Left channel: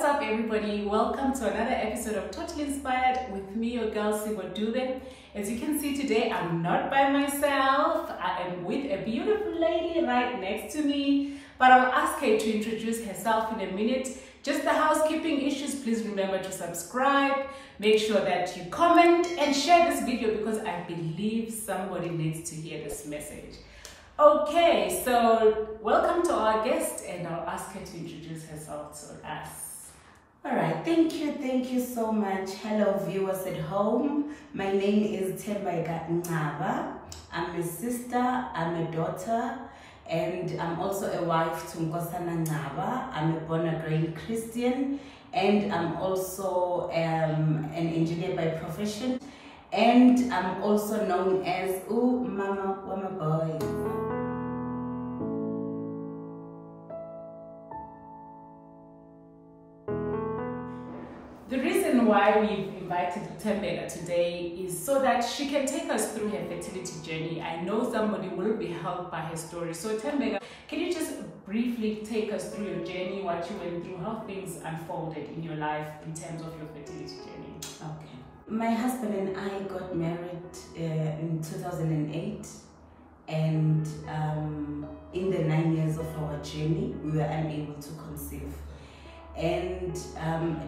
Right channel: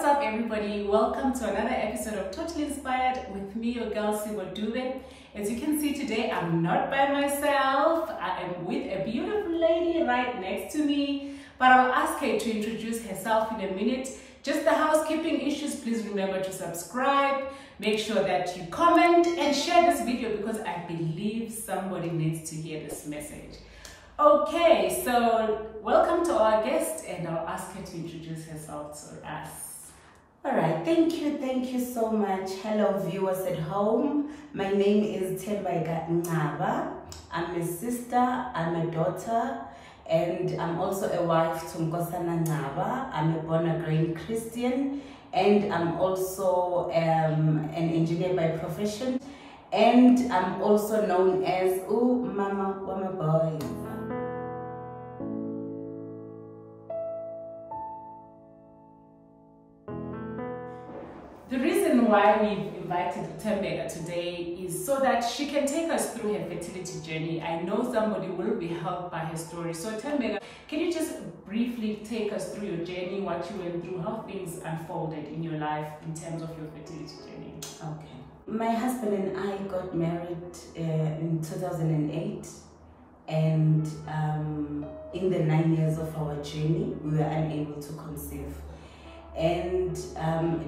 What's up, everybody? Welcome to another episode of Totally Inspired with me, your girl Sibo Dube. As you can see today, I'm not by myself. I am with a beautiful lady right next to me, but I'll ask her to introduce herself in a minute. Just the housekeeping issues, please remember to subscribe, make sure that you comment and share this video because I believe somebody needs to hear this message. Okay, so welcome to our guest, and I'll ask her to introduce herself to us. All right, thank you so much. Hello viewers at home. My name is Thembeka Ncaba. I'm a sister, I'm a daughter, and I'm also a wife to Ncaba. I'm a born-again Christian, and I'm also an engineer by profession, and I'm also known as Mama Wama Boy. The reason why we've invited Thembeka today is so that she can take us through her fertility journey. I know somebody will be helped by her story. So Thembeka, can you just briefly take us through your journey, what you went through, how things unfolded in your life in terms of your fertility journey? Okay. My husband and I got married in 2008, and in the 9 years of our journey, we were unable to conceive. And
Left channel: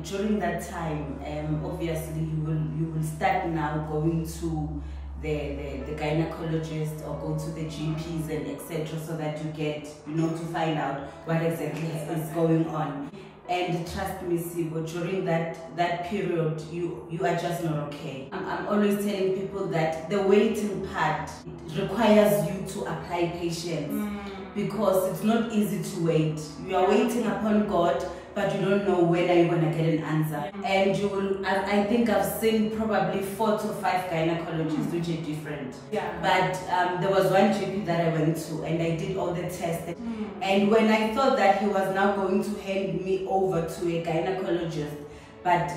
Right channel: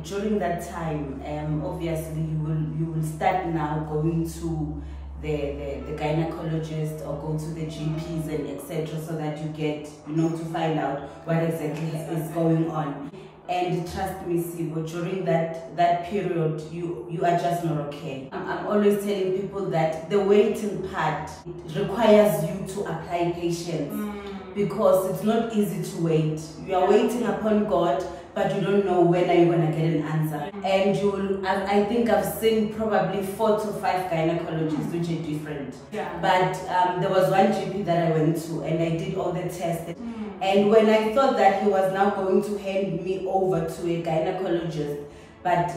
during that time, obviously you will start now going to the gynecologist or go to the GPs and etc. so that you get, to find out what exactly is going on. And trust me, Sibo, during that period, you are just not okay. I'm always telling people that the waiting part requires you to apply patience because it's not easy to wait. You are waiting upon God, but you don't know when are you going to get an answer. And I think I've seen probably 4 to 5 gynecologists, which are different. But there was one GP that I went to, and I did all the tests. And when I thought that he was now going to hand me over to a gynecologist, but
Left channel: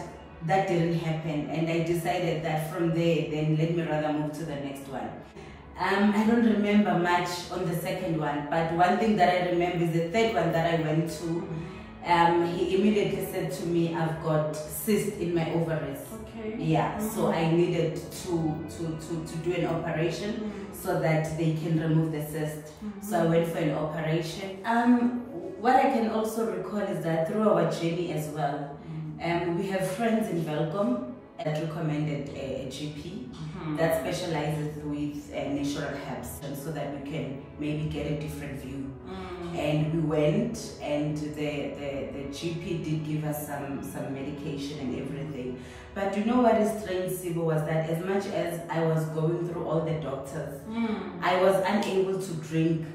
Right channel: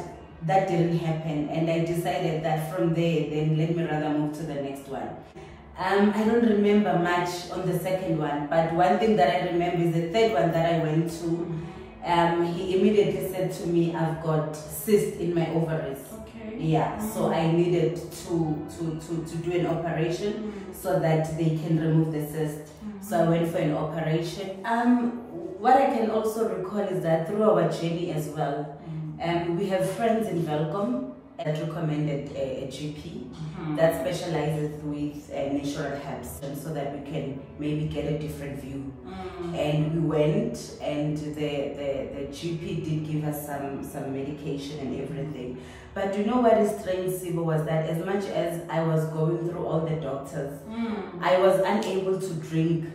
that didn't happen. And I decided that from there, then let me rather move to the next one. I don't remember much on the second one, but one thing that I remember is the third one that I went to. He immediately said to me, I've got cyst in my ovaries. Okay. Yeah, so I needed to do an operation so that they can remove the cyst. So I went for an operation. What I can also recall is that through our journey as well, we have friends in Welcome that recommended a GP that specializes with natural herbs, and so that we can maybe get a different view. And we went, and the GP did give us some medication and everything. But you know what is strange, Sibo, was that as much as I was going through all the doctors, I was unable to drink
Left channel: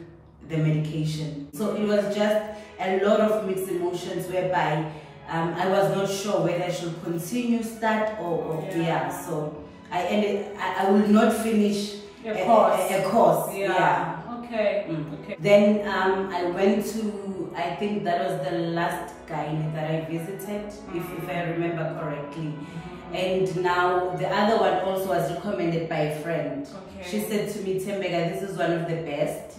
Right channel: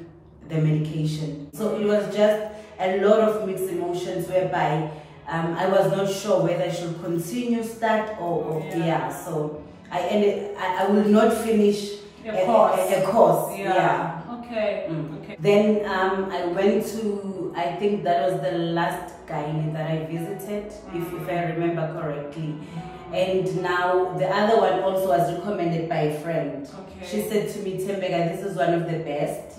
the medication. So it was just a lot of mixed emotions whereby I was not sure whether I should continue start or so I will not finish a course. Okay. Then I went to, I think that was the last gynae that I visited, if I remember correctly. And now the other one also was recommended by a friend. She said to me, Thembeka, this is one of the best,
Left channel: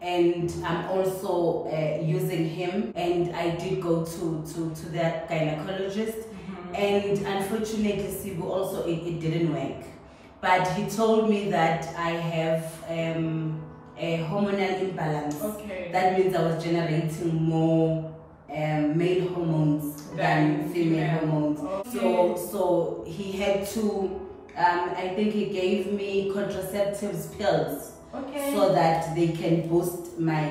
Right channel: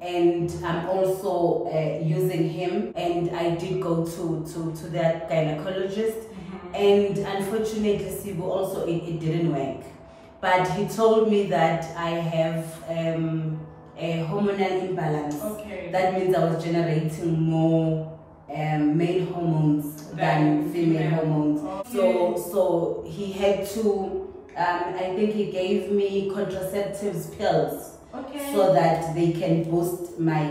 and I'm also using him. And I did go to that gynecologist, and unfortunately, Sibu, also it didn't work. But he told me that I have a hormonal imbalance. That means I was generating more male hormones than female hormones. So he had to, I think he gave me contraceptives pills. So that they can boost my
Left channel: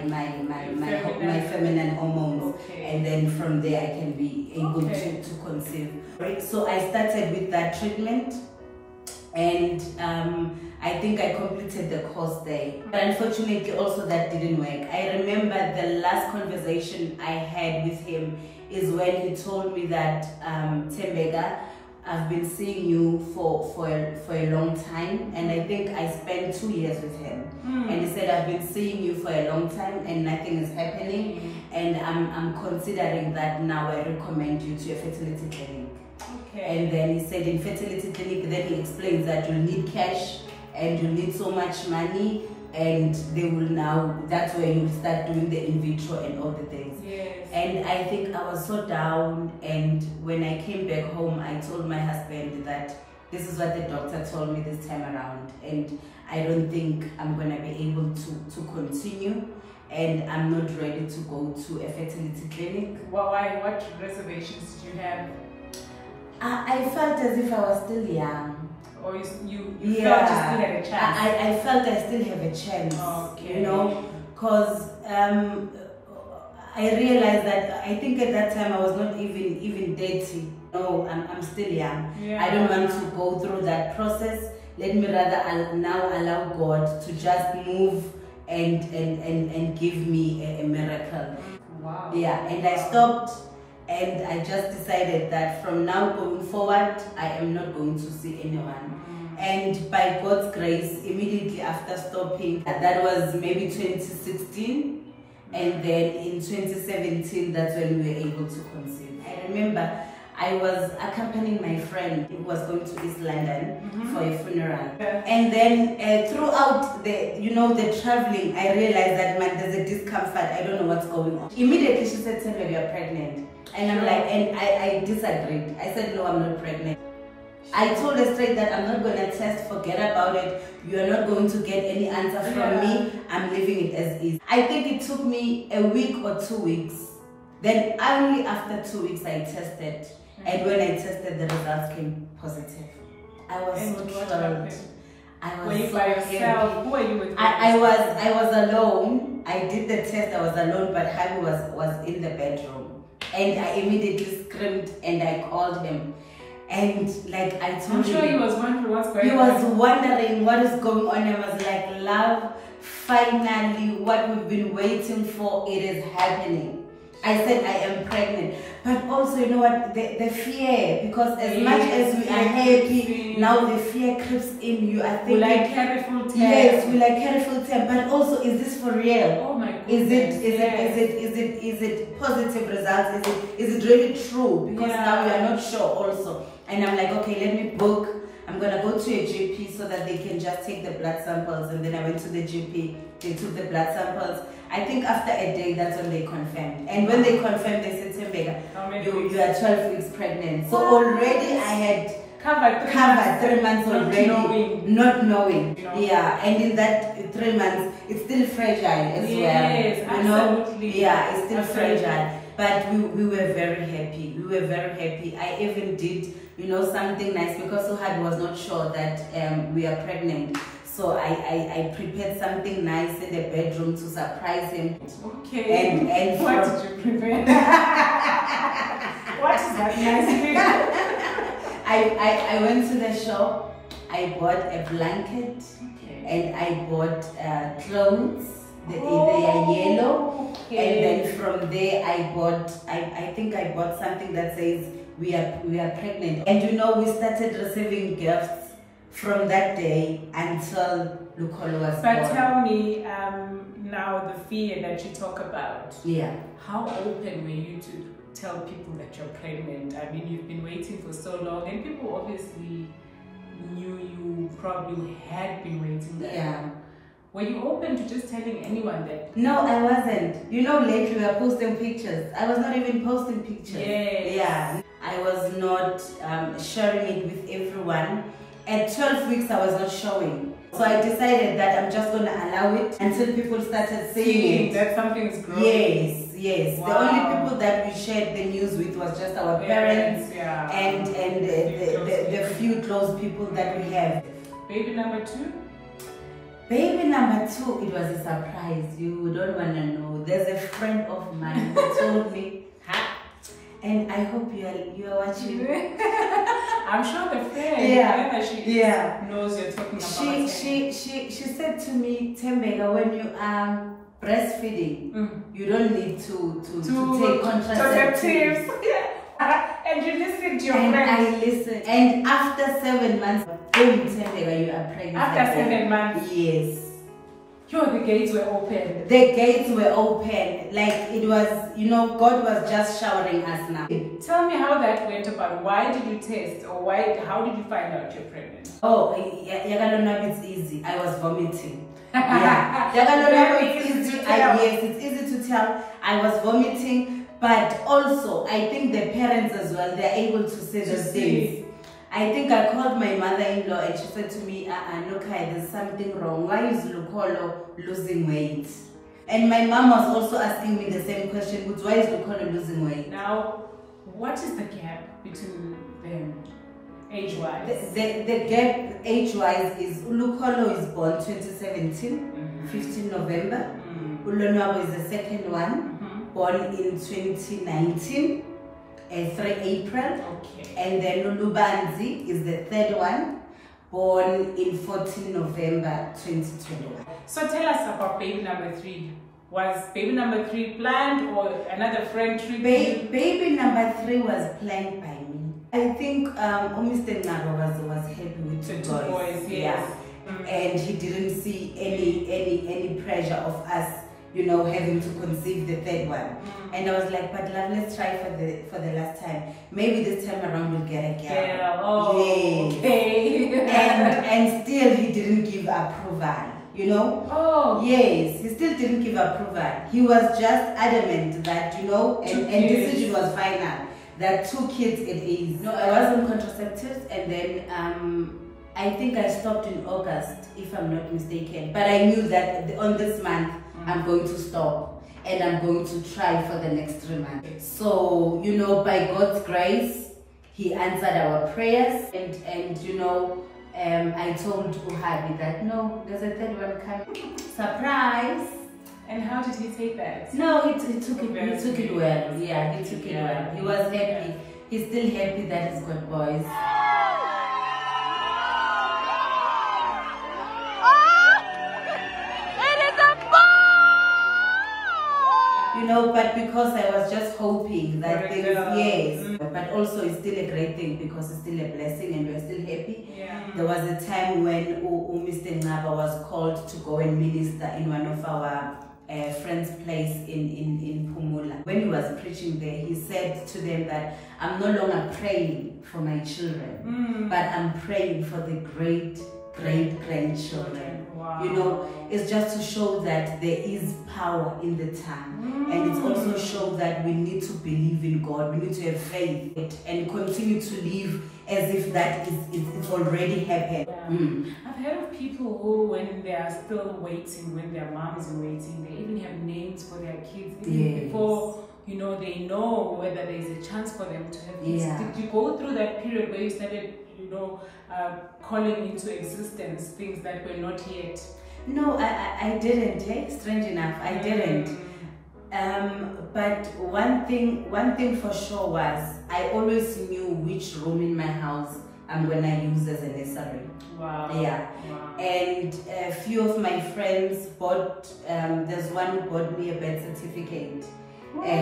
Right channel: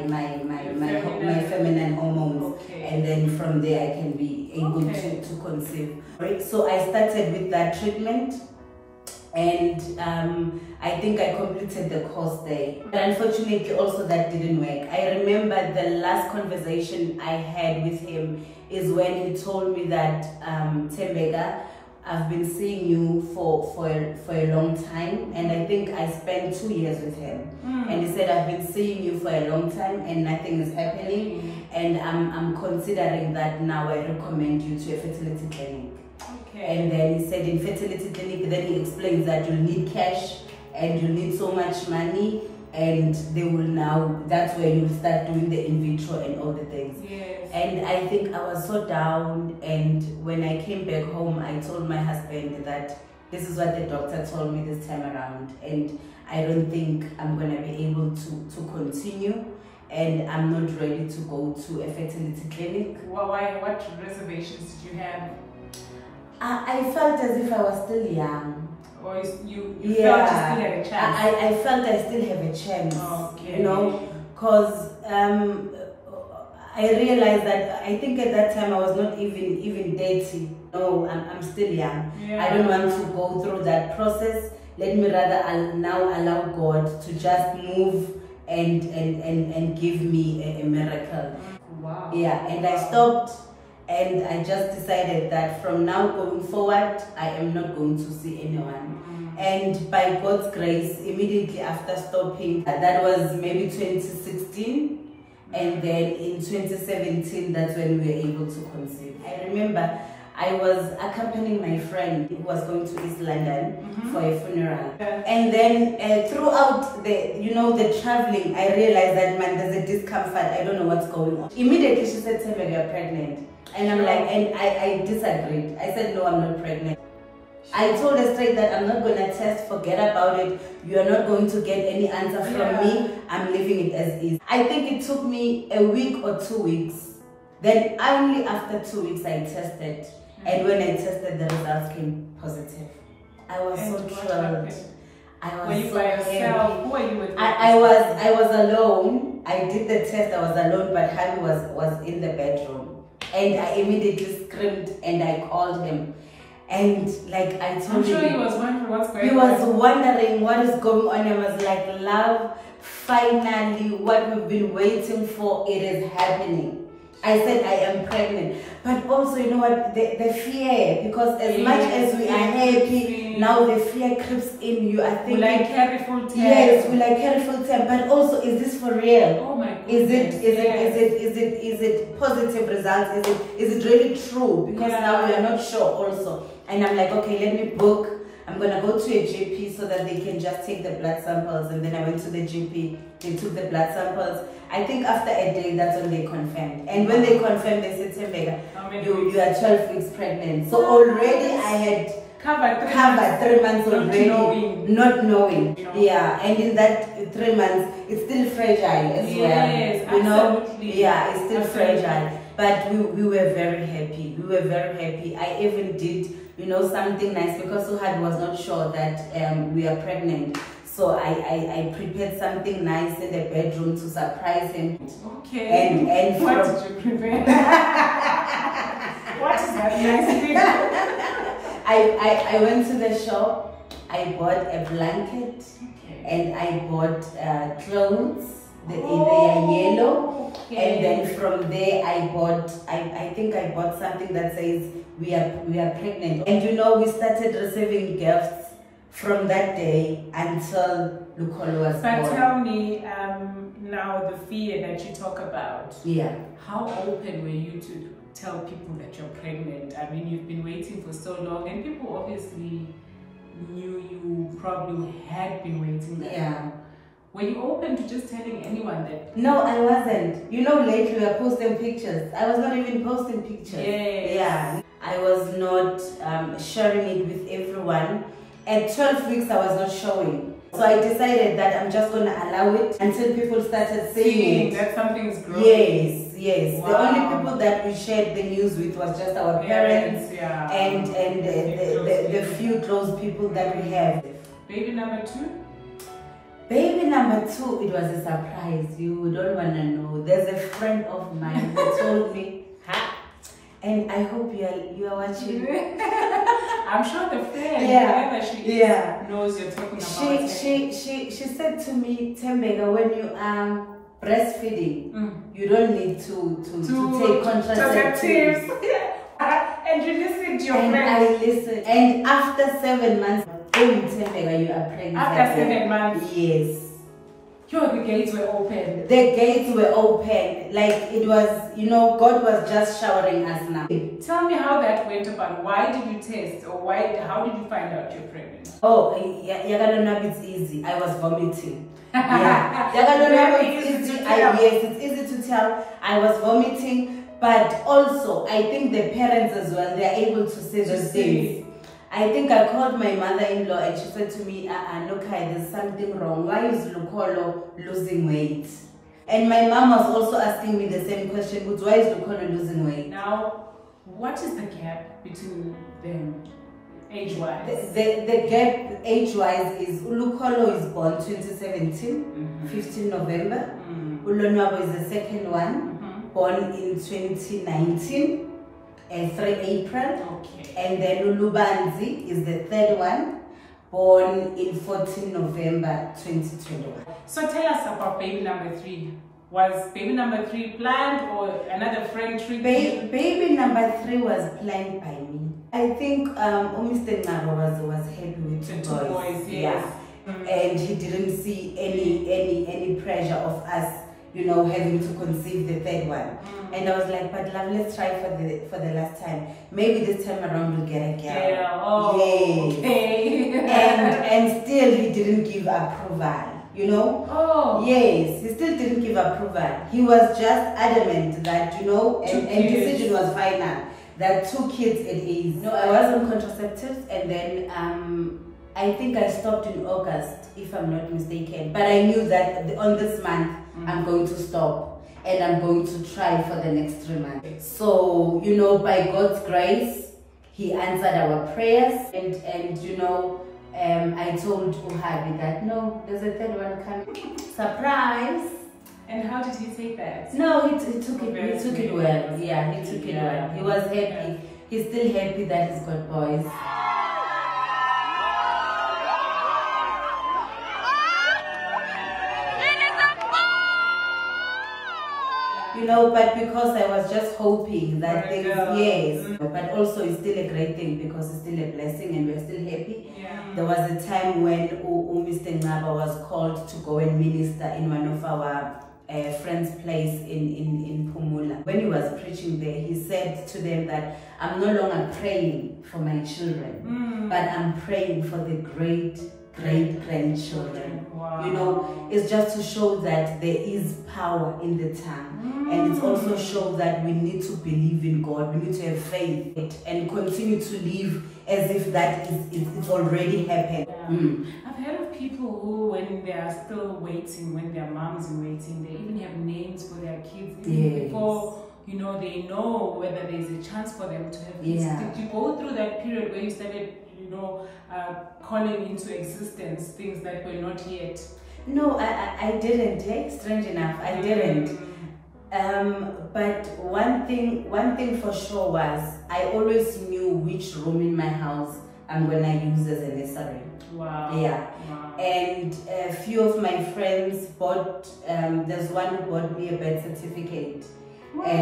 feminine hormones, and then from there I can be able to conceive. So I started with that treatment, and I think I completed the course there. But unfortunately also that didn't work. I remember the last conversation I had with him is when he told me that, Thembeka, I've been seeing you for a long time, and I think I spent 2 years with him. And he said, I've been seeing you for a long time and nothing is happening, and I'm considering that now I recommend you to a fertility clinic. And then he said in fertility clinic, then he explains that you'll need cash and you need so much money, and they will now, that's where you start doing the in vitro and all the things. Yes. And I think I was so down, and when I came back home, I told my husband that this is what the doctor told me this time around, and I don't think I'm going to be able to continue, and I'm not ready to go to a fertility clinic. Why? What reservations did you have? I felt as if I was still young. Or you felt you still had a chance? I felt I still have a chance. Okay. You know, because I realized that I think at that time I was not even dating. No, I'm still young. Yeah. I don't want to go through that process. Let me rather now allow God to just move and give me a miracle. Wow. Yeah, and I stopped, and I just decided that from now going forward, I am not going to see anyone. And by God's grace, immediately after stopping, that was maybe 2016. And then in 2017, that's when we were able to conceive. I remember I was accompanying my friend who was going to East London for a funeral. And then throughout the traveling, I realized that, man, there's a discomfort. I don't know what's going on. Immediately she said, "Thembeka, you're pregnant." And I'm like, and I disagreed. I said, "No, I'm not pregnant." I told her straight that I'm not going to test, forget about it. You are not going to get any answer from me. I'm leaving it as is. I think it took me a week or 2 weeks. Then only after 2 weeks I tested. And when I tested, the results came positive. I was so thrilled. Were you by yourself? Who were you with? I was alone. I did the test, I was alone, but Harry was in the bedroom. And I immediately screamed and I called him. And like I told him, I'm sure he was wondering what's going on. He was wondering what is going on. I was like, love, finally, what we've been waiting for, it is happening. I said I am pregnant. But also, you know what, the fear, because as much as we are happy, now the fear creeps in you. I think, will I carry full term? Yes, will I carry full term? But also, is this for real? Oh my goodness. Is it positive results? Is it really true? Because now we are not sure also. And I'm like, okay, let me book. I'm going to go to a GP so that they can just take the blood samples. And then I went to the GP. They took the blood samples. I think after a day, that's when they confirmed. And when they confirmed, they said, "Thembeka, you are 12 weeks pregnant." So already I had covered 3 months already. Not knowing. Yeah, and in that 3 months, it's still fragile as well. Yes, absolutely. Yeah, it's still fragile. But we were very happy. We were very happy. I even did, something nice, because Suhad was not sure that we are pregnant. So I prepared something nice in the bedroom to surprise him. Okay. And what did you prepare? What is that nice thing? I went to the shop. I bought a blanket. And I bought clothes. They are yellow. And then from there I think I bought something that says we are pregnant. And we started receiving gifts from that day until Lukolo was born. But tell me, now the fear that you talk about. Yeah. How open were you to tell people that you're pregnant? I mean, you've been waiting for so long, and people obviously knew you probably had been waiting that long. Were you open to just telling anyone that? No, I wasn't. Lately we are posting pictures. I was not even posting pictures. Yes. Yeah. I was not sharing it with everyone. At 12 weeks, I was not showing. So I decided that I'm just going to allow it until people started seeing it. That something is growing. Yes. Wow. The only people that we shared the news with was just our parents and the few close people that we have. Baby number 2? Baby number 2, it was a surprise. You don't want to know. There's a friend of mine who told me, and I hope you are watching. I'm sure the friend, whoever she knows you're talking about. She said to me, "Thembeka, when you are breastfeeding, you don't need to take contraceptives." And you listened to your friend. And I listened. And after 7 months, boom, Thembeka, you are pregnant. After 7 months? Yes. Yo, the gates were open. The gates were open. Like it was, you know, God was just showering us now. Tell me how that went about. Why did you test, or how did you find out you're pregnant? Oh, yeah, it's easy. I was vomiting. Yeah, it's easy. Yes, it's easy to tell. I was vomiting, but also I think the parents as well, they're able to say those things. I think I called my mother-in-law and she said to me, look, there's something wrong. Why is Lukolo losing weight? And my mom was also asking me the same question, but why is Lukolo losing weight? Now, what is the gap between them age-wise? The gap age-wise is Lukolo is born 2017, 15 November. Ulonwabo is the second one, born in 2019. 3 April, okay. And then Lulubanzi is the third one, born in 14 November 2021. So tell us about baby number 3. Was baby number 3 planned or another friend tricked you? Baby number 3 was planned by me. I think Mr. Ncaba was happy with the two boys, yes. Yeah. And he didn't see any pressure of us, you know, having to conceive the third one. And I was like, but love, let's try for the last time. Maybe this time around we'll get a girl. Oh, yes. Okay. and still he didn't give approval, you know? Oh. Yes, he still didn't give approval. He was just adamant that, you know, and decision was final, that 2 kids it is. No, I was on contraceptives, and then I think I stopped in August, if I'm not mistaken. But I knew that on this month, I'm going to stop. And I'm going to try for the next 3 months. So, you know, by God's grace, he answered our prayers. And you know, I told Uhadi that, no, there's a third one coming. Surprise! And how did he take that? No, he took it well. Yeah, he took it well. He was happy. Yeah. He's still happy that he's got boys. You know, but because I was just hoping that things, yes, but also it's still a great thing because it's still a blessing and we're still happy. Yeah. There was a time when Mr. Ncaba was called to go and minister in one of our friend's place in Pumula. When he was preaching there, he said to them that I'm no longer praying for my children, but I'm praying for the great grandchildren. Wow. You know, it's just to show that there is power in the tongue, and it also shows that we need to believe in God. We need to have faith and continue to live as if that it's already happened. Yeah. I've heard of people who, when they are still waiting, when their moms are waiting, they even have names for their kids even before, you know, they know whether there is a chance for them to have kids. Yeah. Did you go through that period where you started, you know, calling into existence things that were not yet? No, I didn't. Like, strange enough, I didn't. But one thing for sure was I always knew which room in my house I'm gonna use as a nursery. Wow. Yeah. Wow. And a few of my friends bought. There's one who bought me a birth certificate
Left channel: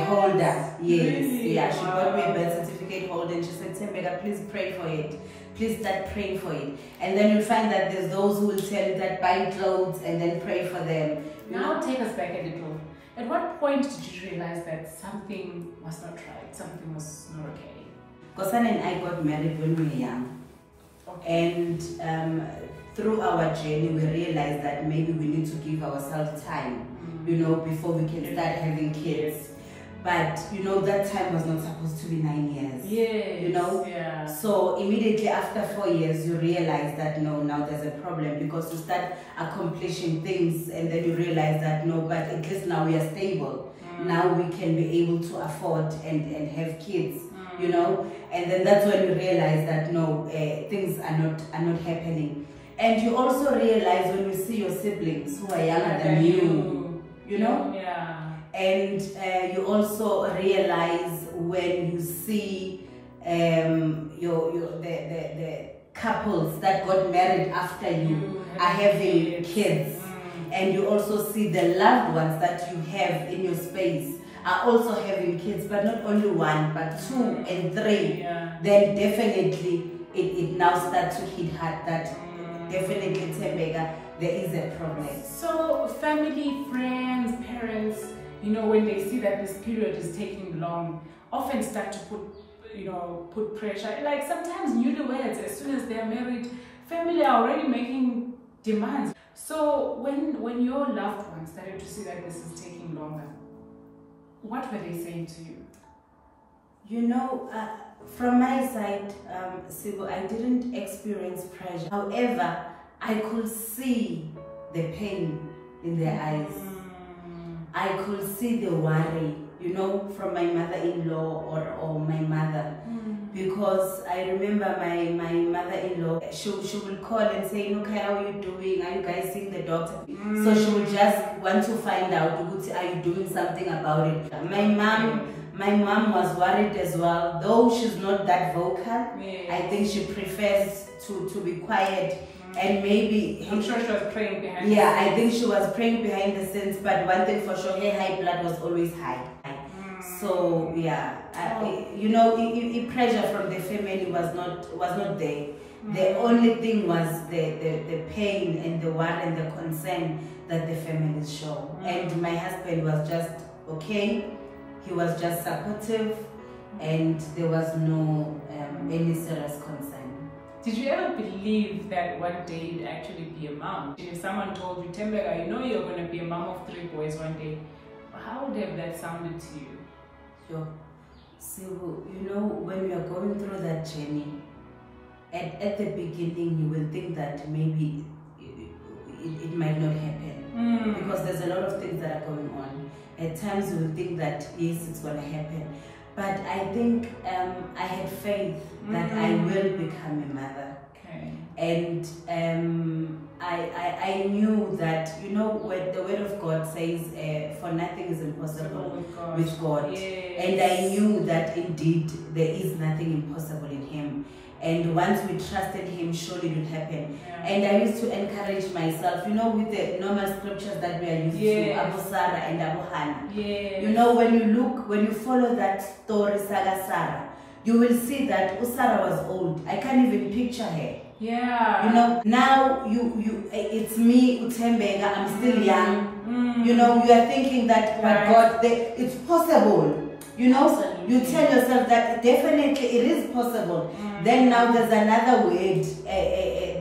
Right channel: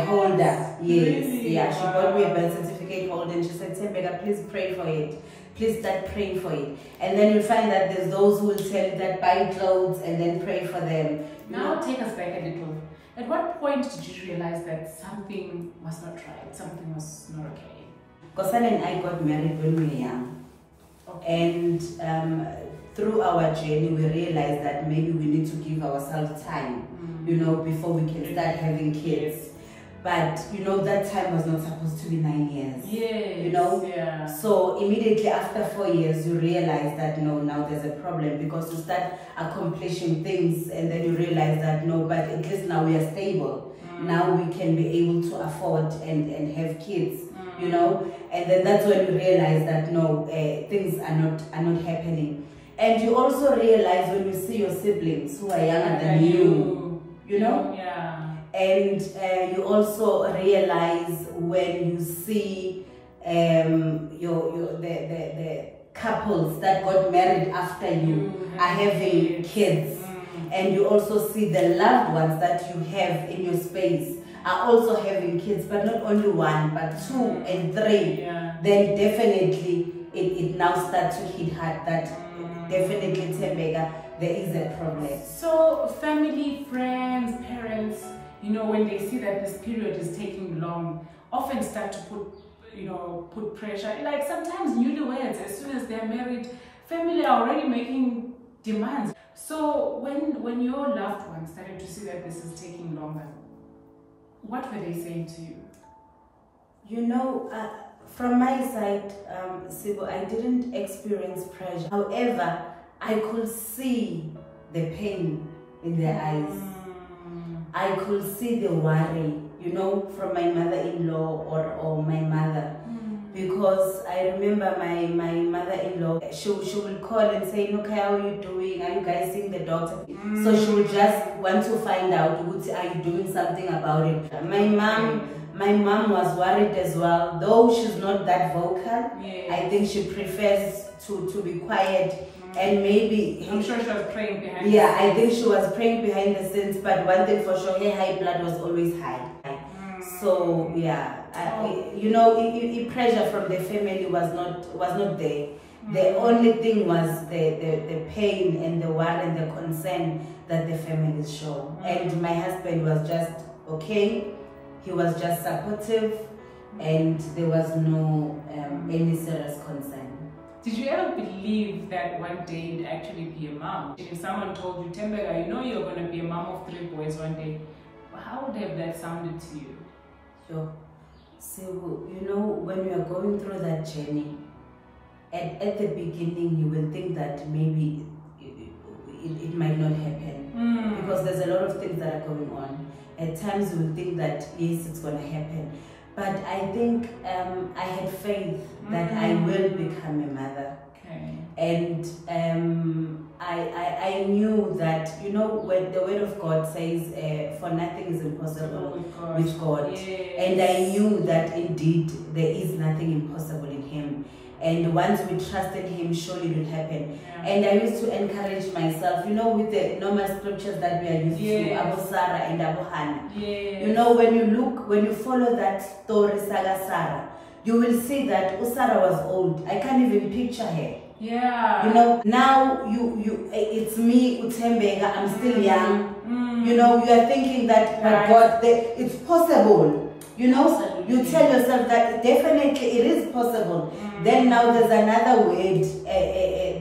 holder. Yes. Really? Yeah. She bought me a birth certificate holder, and she said, "Thembeka, please pray for it. Please start praying for it." And then you'll find that there's those who will tell you that buy clothes and then pray for them. Now take us back a little. At what point did you realize that something was not right, something was not okay? Kosana and I got married when we were young. Okay. And through our journey, we realized that maybe we need to give ourselves time, you know, before we can start having kids. But, you know, that time was not supposed to be 9 years. Yes. You know? Yeah. So immediately after 4 years, you realize that, no, now there's a problem, because you start accomplishing things and then you realize that, no, but at least now we are stable. Now we can be able to afford and have kids, you know? And then that's when you realize that, no, things are not happening. And you also realize when you see your siblings who are younger than you know? Yeah. And you also realize when you see the couples that got married after you are having kids. And you also see the loved ones that you have in your space are also having kids, but not only 1, but 2 and 3. Yeah. Then definitely it now starts to hit hard that definitely, Thembeka, there is a problem. So family, friends, parents, you know, when they see that this period is taking long, often start to put pressure. Like sometimes newlyweds, as soon as they're married, family are already making demands. So when your loved ones started to see that this is taking longer, what were they saying to you? You know, from my side, Sibo, I didn't experience pressure. However, I could see the pain in their eyes. I could see the worry, you know, from my mother-in-law or my mother. Because I remember my mother-in-law, she will call and say, okay, how are you doing? Are you guys seeing the doctor? So she would just want to find out, are you doing something about it? My mom was worried as well, though she's not that vocal. Yes. I think she prefers to be quiet. And maybe I'm sure she was praying behind the scenes. Yeah, I think she was praying behind the scenes, but one thing for sure, her high blood was always high. So yeah, you know, pressure from the family was not there. The only thing was the pain and the worry and the concern that the families show. And my husband was just okay. He was just supportive, and there was no any serious concern. Did you ever believe that one day you'd actually be a mom? If someone told you, Thembeka, you know you're going to be a mom of 3 boys one day, how would have that sounded to you? Sure. So, you know, when you are going through that journey, at the beginning you will think that maybe it might not happen. Because there's a lot of things that are going on. At times you will think that, yes, it's going to happen. But I think I had faith that I will become a mother. Okay. And I knew that, you know, when the word of God says, for nothing is impossible with God. Yes. And I knew that indeed there is nothing impossible in Him. And once we trusted Him, surely it will happen. Yeah. And I used to encourage myself, you know, with the normal scriptures that we are used to, Abu Sarah and Abu Hannah. Yes. You know, when you follow that story, Saga Sarah, you will see that Sarah was old. I can't even picture her. Yeah. You know, now it's me, Thembeka, I'm still young. You know, you are thinking that, but God, it's possible. You know, absolutely. You tell yourself that definitely it is possible. Then now there's another word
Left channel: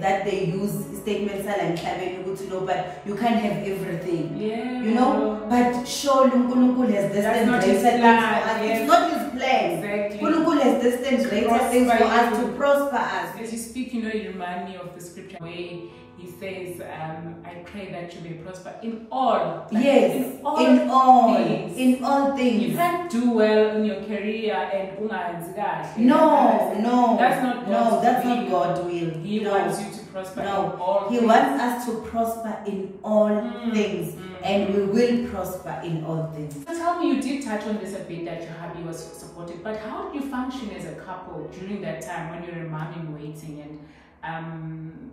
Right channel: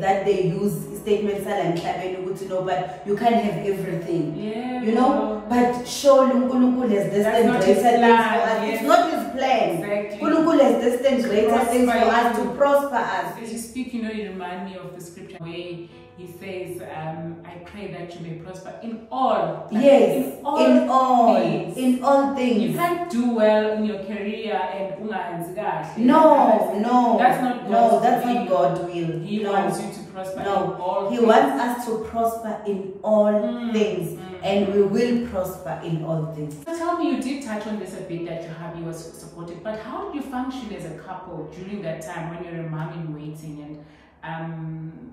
that they use, statements like Ncaba, to know, but you can't have everything. Yeah, you know, but surely Unkulunkulu has destined greater things for us. Yes. It's not His plan. Exactly. Unkulunkulu has destined greater things for us, to prosper us. As you speak, you know, you remind me of the scripture where He says, I pray that you may prosper in all. Like yes, in all things. In all things. You can't do well in your career and no, that's not God's no, that's not God's will. He wants you to prosper in all things. He wants us to prosper in all things, and we will prosper in all things. So tell me, you did touch on this a bit, that your hubby was supportive, but how did you function as a couple during that time when you're a mom in waiting, and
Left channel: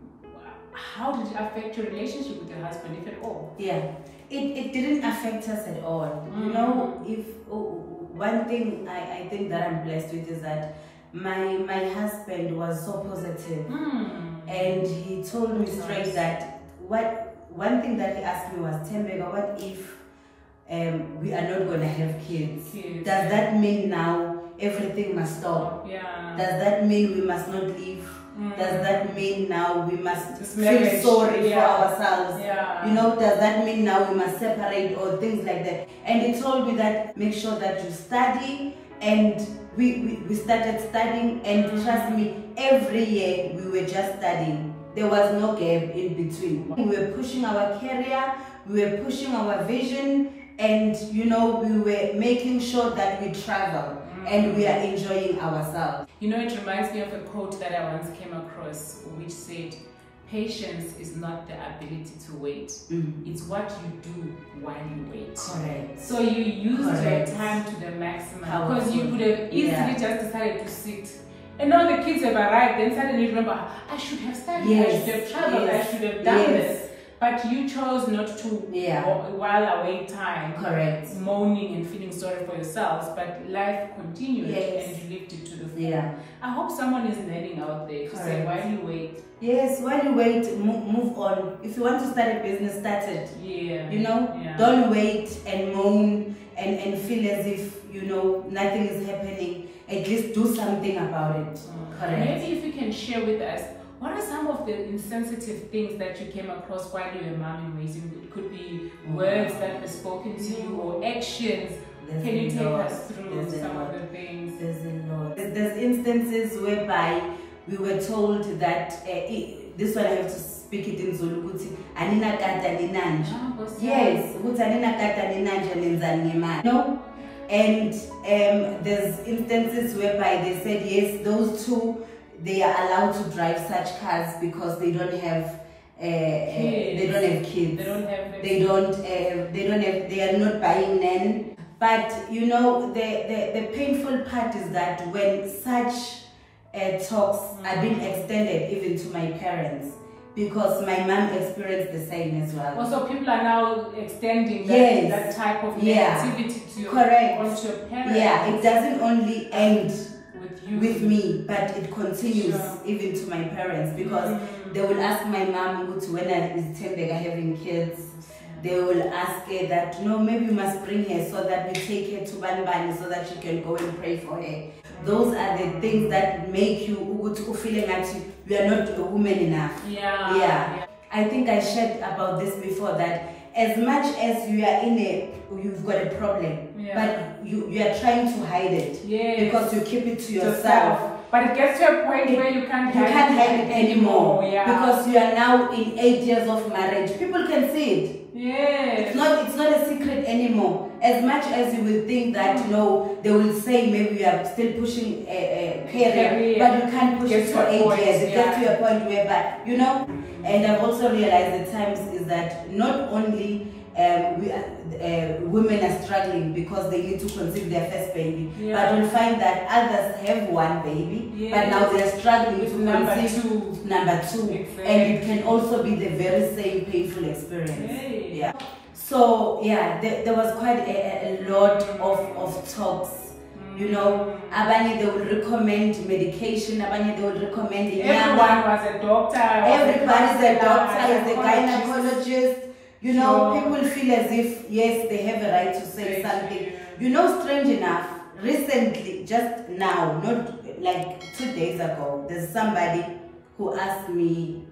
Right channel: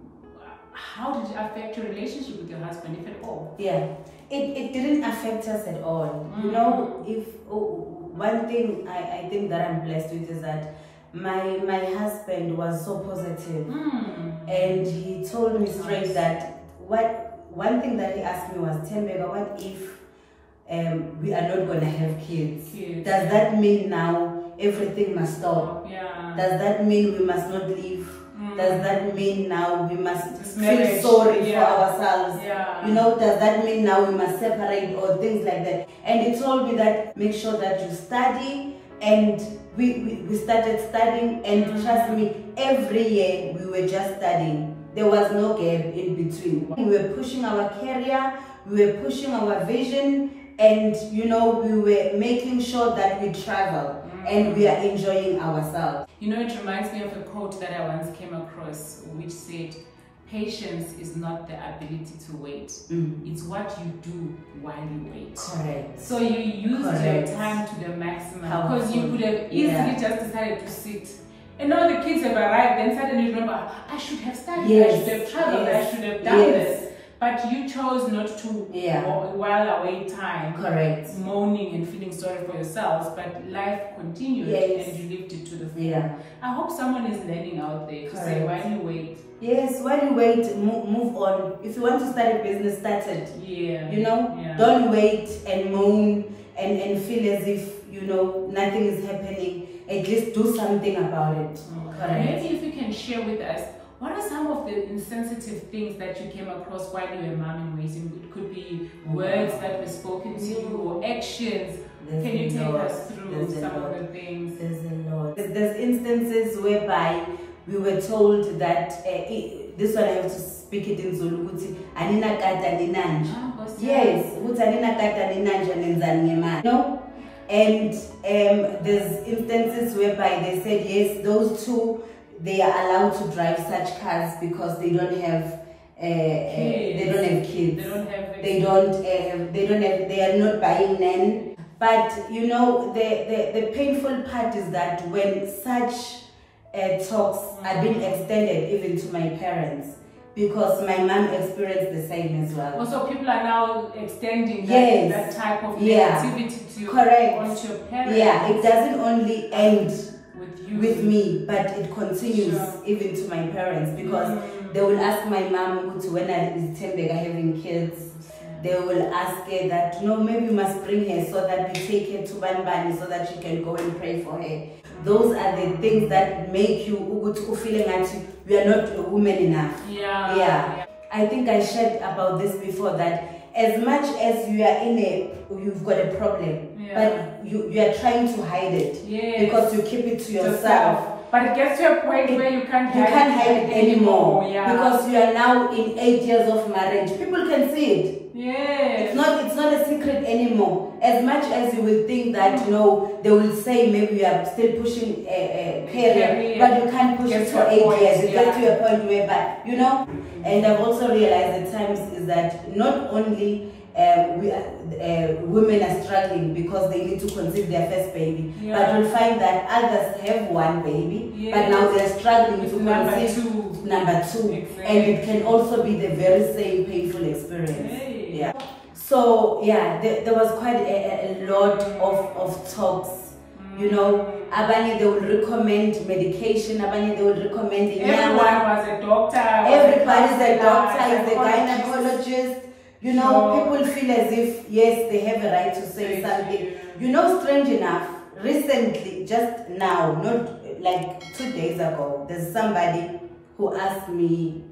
how did it affect your relationship with your husband, if at all? Yeah, it didn't affect us at all. You know, one thing I think that I'm blessed with is that my husband was so positive, and he told me straight that one thing that he asked me was, Thembeka, what if we are not going to have kids? Does that mean now everything must stop? Yeah. Does that mean we must not live? Does that mean now we must feel sorry for ourselves? Yeah. You know, does that mean now we must separate or things like that? And he told me that make sure that you study, and we started studying, and trust me, every year we were just studying. There was no gap in between. We were pushing our career, we were pushing our vision, and you know, we were making sure that we travel. And we are enjoying ourselves. You know, it reminds me of a quote that I once came across, which said, patience is not the ability to wait. It's what you do while you wait. Correct. So you used your time to the maximum, because you could have easily just decided to sit. And now the kids have arrived, then suddenly you remember, I should have studied, I should have traveled, I should have done this. But you chose not to while away time. Correct. Moaning and feeling sorry for yourselves, but life continued and you lived it to the full. Yeah. I hope someone is learning out there to say, while you wait. Yes, while you wait, move on. If you want to start a business, start it. Yeah. You know, don't wait and moan and feel as if, you know, nothing is happening. At least do something about it. Correct. Maybe if you can share with us, what are some of the insensitive things that you came across while you were mom and raising? It could be words that were spoken to you or actions. Can you take us through some of the things? There's a lot. There's instances whereby we were told that this one I have to speak it in Zulu. Anina kata ninanja. Yes, anina kata ninanja nenzani. No. And there's instances whereby they said yes, those two, they are allowed to drive such cars because they don't have kids. They don't have kids. They are not buying nan. But you know, the painful part is that when such talks are being extended even to my parents, because my mom experienced the same as well. Also, people are now extending that type of negativity to onto your parents. Yeah, it doesn't only end with me, but it continues even to my parents, because they will ask my mom when is Thembeka having kids. They will ask her that, no, maybe you must bring her so that we take her to Banbani so that she can go and pray for her. Those are the things that make you feeling like you are not a woman enough. Yeah. I think I shared about this before, that as much as you are you've got a problem, but you are trying to hide it because you keep it to yourself. But it gets to a point where you can't hide it anymore. Because you are now in 8 years of marriage. People can see it. Yes. It's not a secret anymore. As much as you will think that, you know, they will say maybe you are still pushing a career, but you can't push it for 8 years. It gets to a point whereby, you know. And I've also realized at times is that not only women are struggling because they need to conceive their first baby, but you'll find that others have one baby, but now they're struggling to conceive number two. Exactly. And it can also be the very same painful experience. Yeah. So there was quite a lot of talks. You know, abanye they would recommend medication, abanye they would recommend everyone was a doctor. Everybody's a doctor, is a gynecologist. You know, people feel as if, yes, they have a right to say something. You know, strange enough, recently, just now, not like 2 days ago, there's somebody who asked me,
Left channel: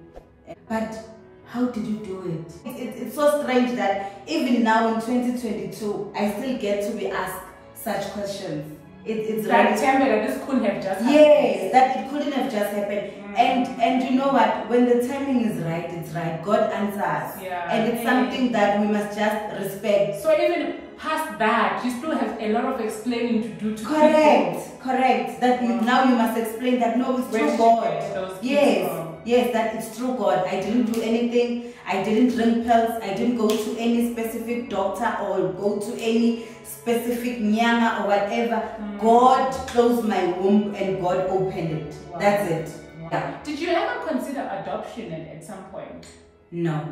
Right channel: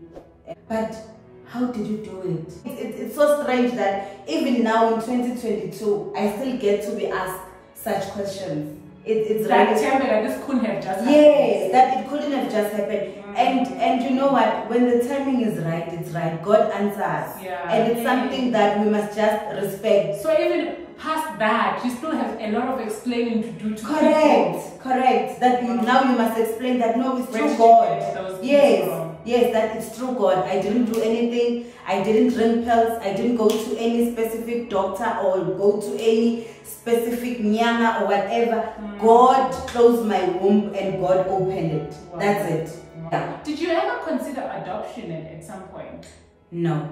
but how did you do it? It's so strange that even now in 2022, I still get to be asked such questions. It's that Ncaba, this couldn't have just happened. Yes, that it couldn't have just happened. And you know what? When the timing is right, it's right. God answers. And it's something that we must just respect. So even past that, you still have a lot of explaining to do to Correct. That now you must explain that no, it's through God. Yes, that it's through God. I didn't do anything. I didn't drink pills. I didn't go to any specific doctor or go to any specific nyanga or whatever. God closed my womb and God opened it. That's it. Yeah. Did you ever consider adoption at some point? No.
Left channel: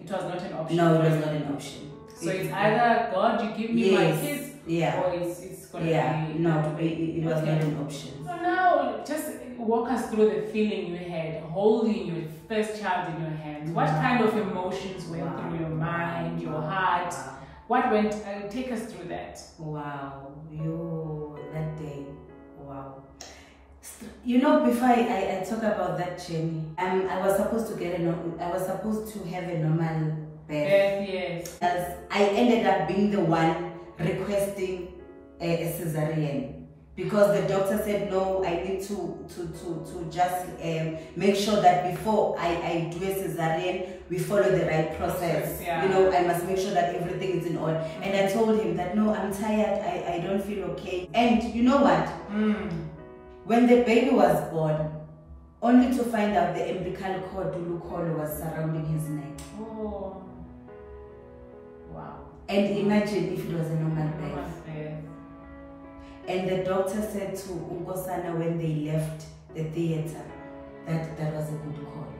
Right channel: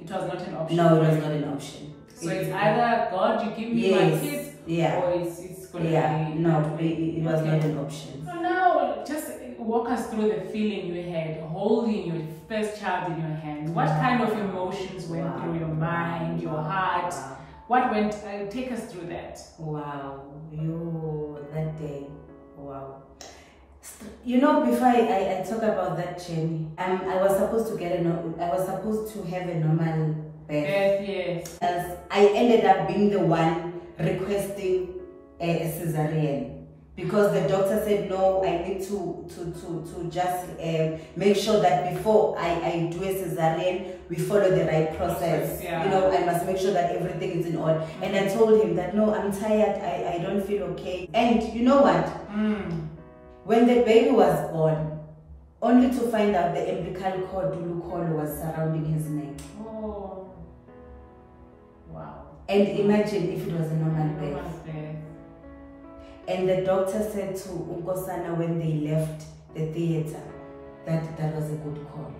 It was not an option. No, it was not an option. So it's either God, you give me my kids, or it's going to be... No, it was not an option. So now, just walk us through the feeling you had holding your first child in your hands. What kind of emotions went through your mind, your heart? What went... take us through that. Wow. That day. Wow. You know, before I talk about that journey, I was supposed to have a normal birth. Yes. As I ended up being the one requesting a cesarean, because the doctor said no, I need to just make sure that before I do a cesarean, we follow the right process. You know, I must make sure that everything is in order. And I told him that no, I'm tired, I don't feel okay. And you know what? When the baby was born, only to find out the umbilical cord was surrounding his neck. Oh. Wow. And imagine if it was a normal birth. And the doctor said to Unkosana when they left the theater that that was a good call.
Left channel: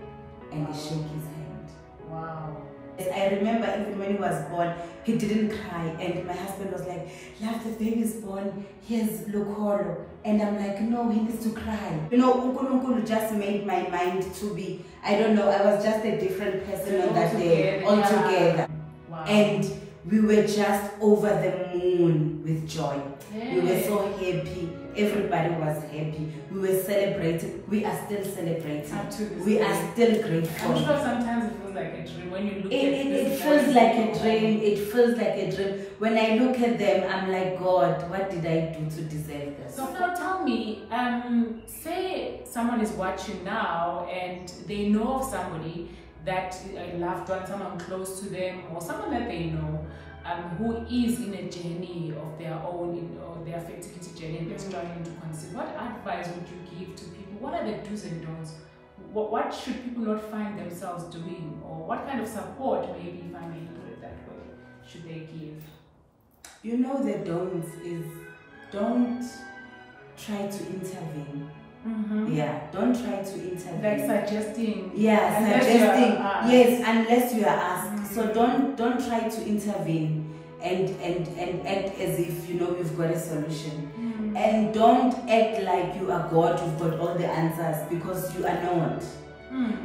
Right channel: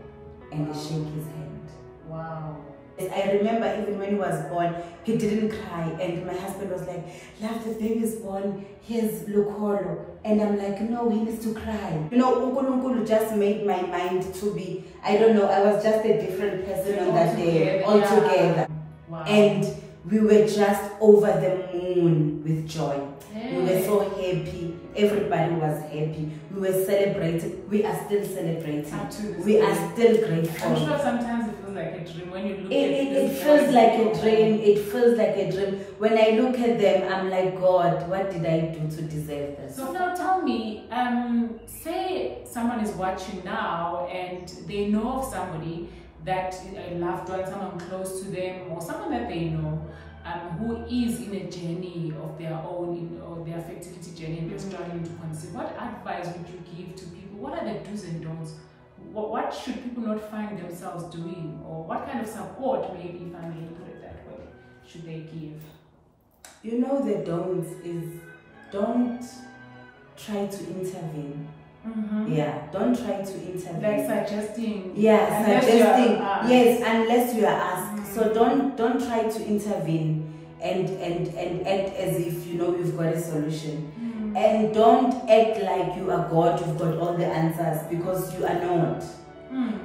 And he shook his hand. Wow. I remember even when he was born, he didn't cry, and my husband was like, "Love, the baby's born, here's Lukolo." And I'm like, "No, he needs to cry." You know, Unkulunkulu just made my mind to be, I don't know, I was just a different person on that day, altogether. Wow. And we were just over the moon with joy. Yeah. We were so happy. Everybody was happy. We were celebrating. We are still celebrating. Up to this we day. are still grateful. I'm sure sometimes it feels like a dream when you look at it feels like a dream. It feels like a dream. When I look at them, I'm like, God, what did I do to deserve this? So now tell me, say someone is watching now and they know of somebody that a loved one, someone close to them, or someone that they know, who is in a journey of their own, or their fertility journey, and they're struggling to conceive. What advice would you give to people? What are the do's and don'ts? What should people not find themselves doing, or what kind of support, maybe, if I may put it that way, should they give? You know, the don'ts is, don't try to intervene. Yeah, don't try to intervene. Like suggesting. Yeah, suggesting. Yes, unless you are asked. So don't try to intervene and act as if you know you've got a solution. And don't act like you are God, you've got all the answers, because you are not.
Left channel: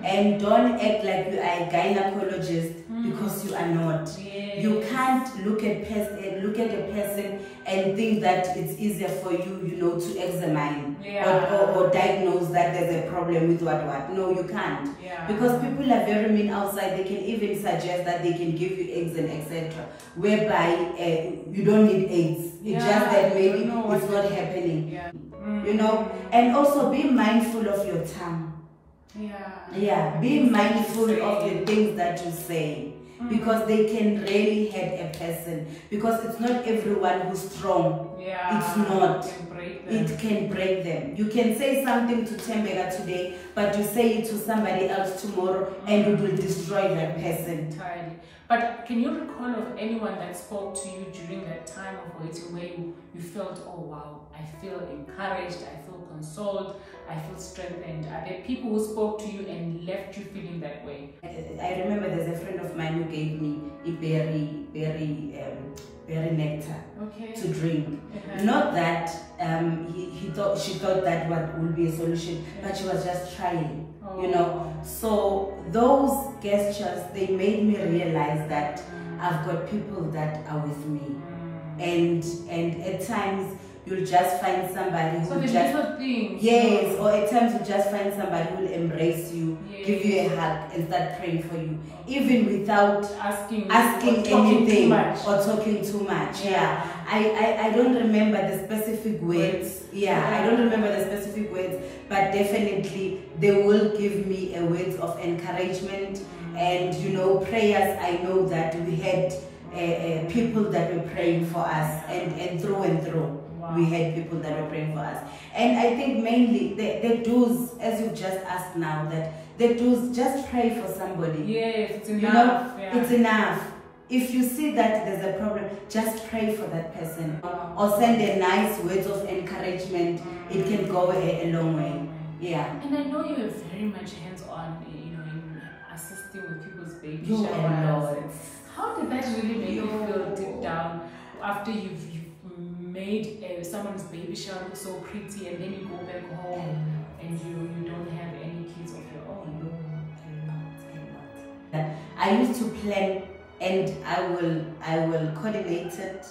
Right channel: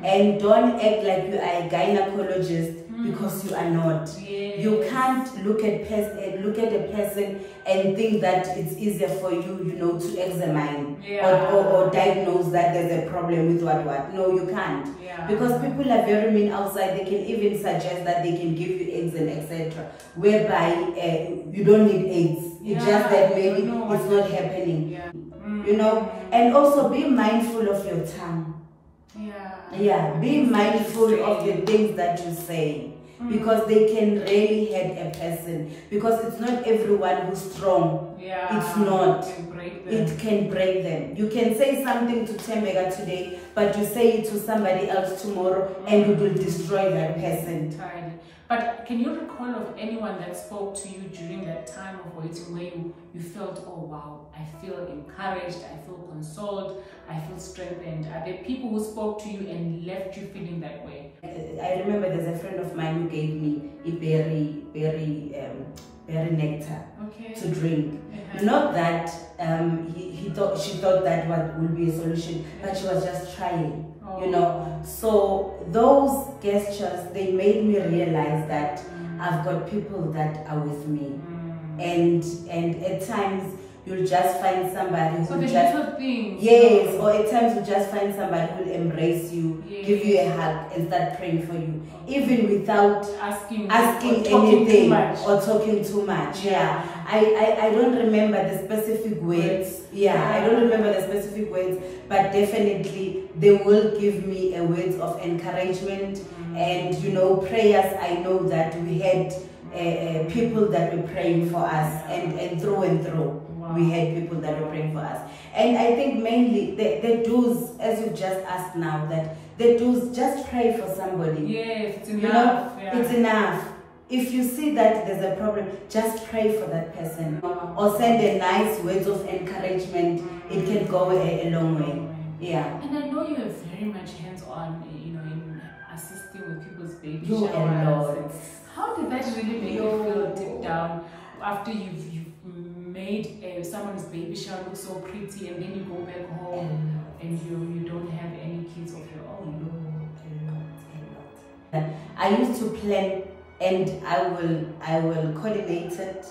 And don't act like you are a gynecologist, because you are not. Yes. You can't look at a person and think that it's easier for you, you know, to examine or diagnose that there's a problem with what. No, you can't. Because people are very mean outside. They can even suggest that they can give you eggs and etc. Whereby you don't need eggs. It's just that maybe it's not happening. You know, and also be mindful of your tongue. Be mindful of the things that you say, because they can really hurt a person, because it's not everyone who's strong. It's not. It can break them. You can say something to Thembeka today, but you say it to somebody else tomorrow, and it will destroy that person entirely. But can you recall of anyone that spoke to you during that time of waiting, where you felt, oh wow, I feel encouraged, I feel consoled, I feel strengthened? Are there people who spoke to you and left you feeling that way? I remember there's a friend of mine who gave me a berry nectar to drink. Not that she thought that would be a solution, but she was just trying. You know, so those gestures, they made me realize that I've got people that are with me, and at times you'll just find somebody who or at times you just find somebody who will embrace you, give you a hug, and start praying for you, even without asking anything or talking too much. I don't remember the specific words. I don't remember the specific words, but definitely they will give me a words of encouragement, and you know, prayers. I know that we had people that were praying for us, and through we had people that were praying for us. And I think mainly the do's, as you just asked now, that the do's, just pray for somebody. Yes, it's enough. You know, it's enough. If you see that there's a problem, just pray for that person, or send a nice words of encouragement. It can go a long way. And I know you are very much hands-on, you know, in assisting with people's baby showers. How did that really make you feel deep down after you've made someone's baby shower look so pretty, and then you go back home and you don't have any kids of your own? I used to plan, and I will coordinate it,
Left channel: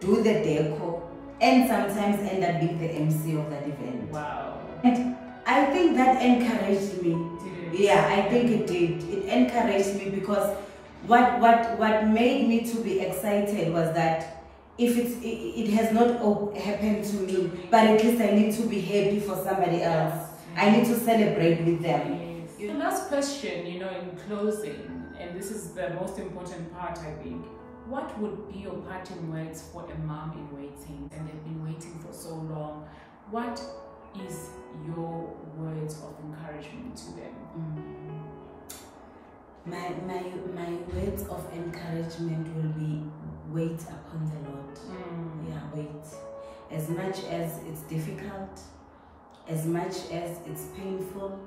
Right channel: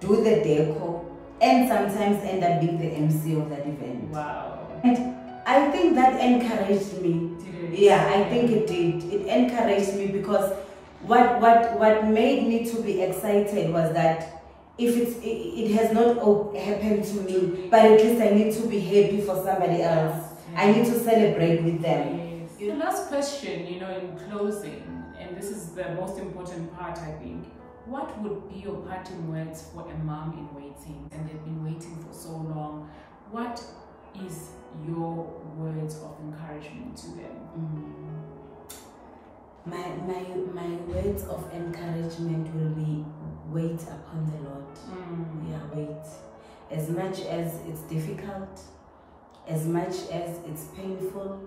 do the deco, and sometimes end up being the MC of that event. Wow. And I think that encouraged me. Did it? I think it did. It encouraged me, because what made me to be excited was that if it has not happened to me, but at least I need to be happy for somebody else. I need to celebrate with them. The last question, you know, in closing, and this is the most important part, I think. What would be your parting words for a mom in waiting, and they've been waiting for so long? What is your words of encouragement to them? My words of encouragement will be, wait upon the Lord. Wait. As much as it's difficult, as much as it's painful,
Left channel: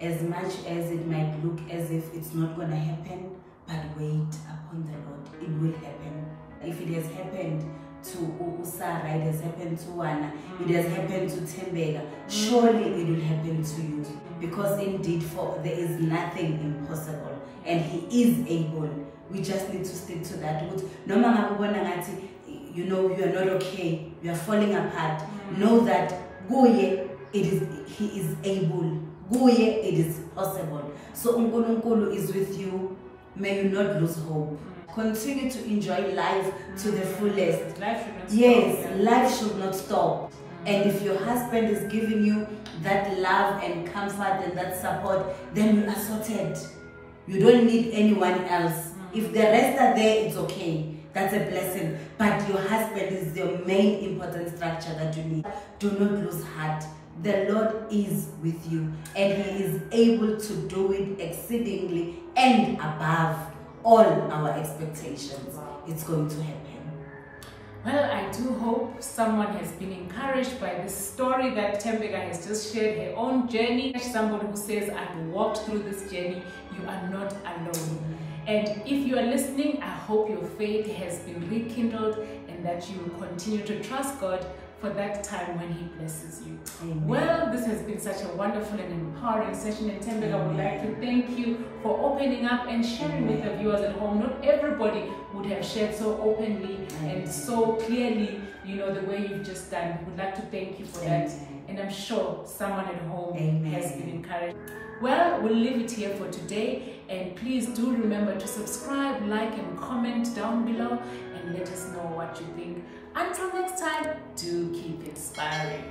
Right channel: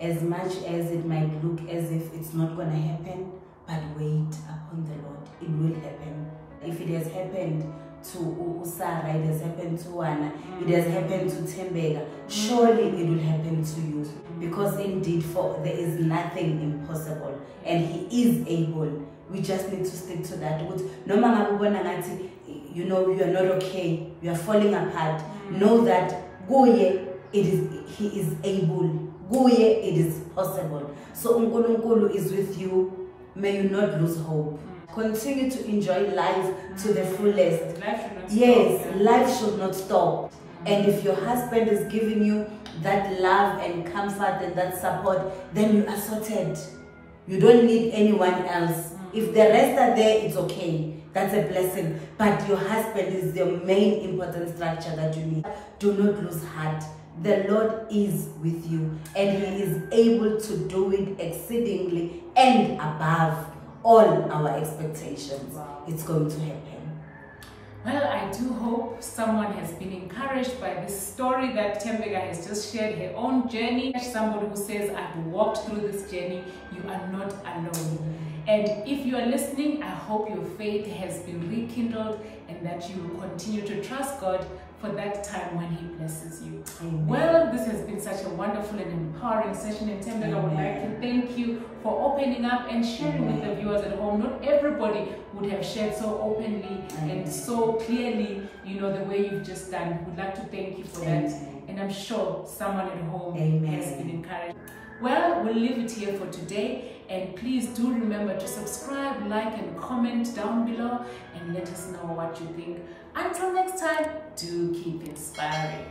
as much as it might look as if it's not going to happen, but wait upon the Lord. It will happen. If it has happened to Sarah, it has happened to Anna, it has happened to Thembeka, surely it will happen to you. Because indeed, there is nothing impossible, and He is able. We just need to stick to that. No matter you know you are not okay, you are falling apart. Know that He is able. It is possible. So uNkulunkulu is with you. May you not lose hope. Continue to enjoy life to the fullest. Life should not stop. Yes, life should not stop. And if your husband is giving you that love and comfort and that support, then you are sorted. You don't need anyone else. If the rest are there, it's okay. That's a blessing. But your husband is the main important structure that you need. Do not lose heart. The Lord is with you, and He is able to do it exceedingly and above all our expectations. Wow. It's going to happen. Well, I do hope someone has been encouraged by this story that Thembeka has just shared, her own journey. Somebody who says, I've walked through this journey, you are not alone. And if you are listening, I hope your faith has been rekindled and that you will continue to trust God for that time when He blesses you. Amen. Well, this has been such a wonderful and empowering session, and Thembeka would like to thank you for opening up and sharing with the viewers at home. Not everybody would have shared so openly and so clearly, you know, the way you've just done. We'd like to thank you for that, and I'm sure someone at home has been encouraged. Well, we'll leave it here for today, and please do remember to subscribe, like, and comment down below, and let us know what you think. Until next time, do keep inspiring.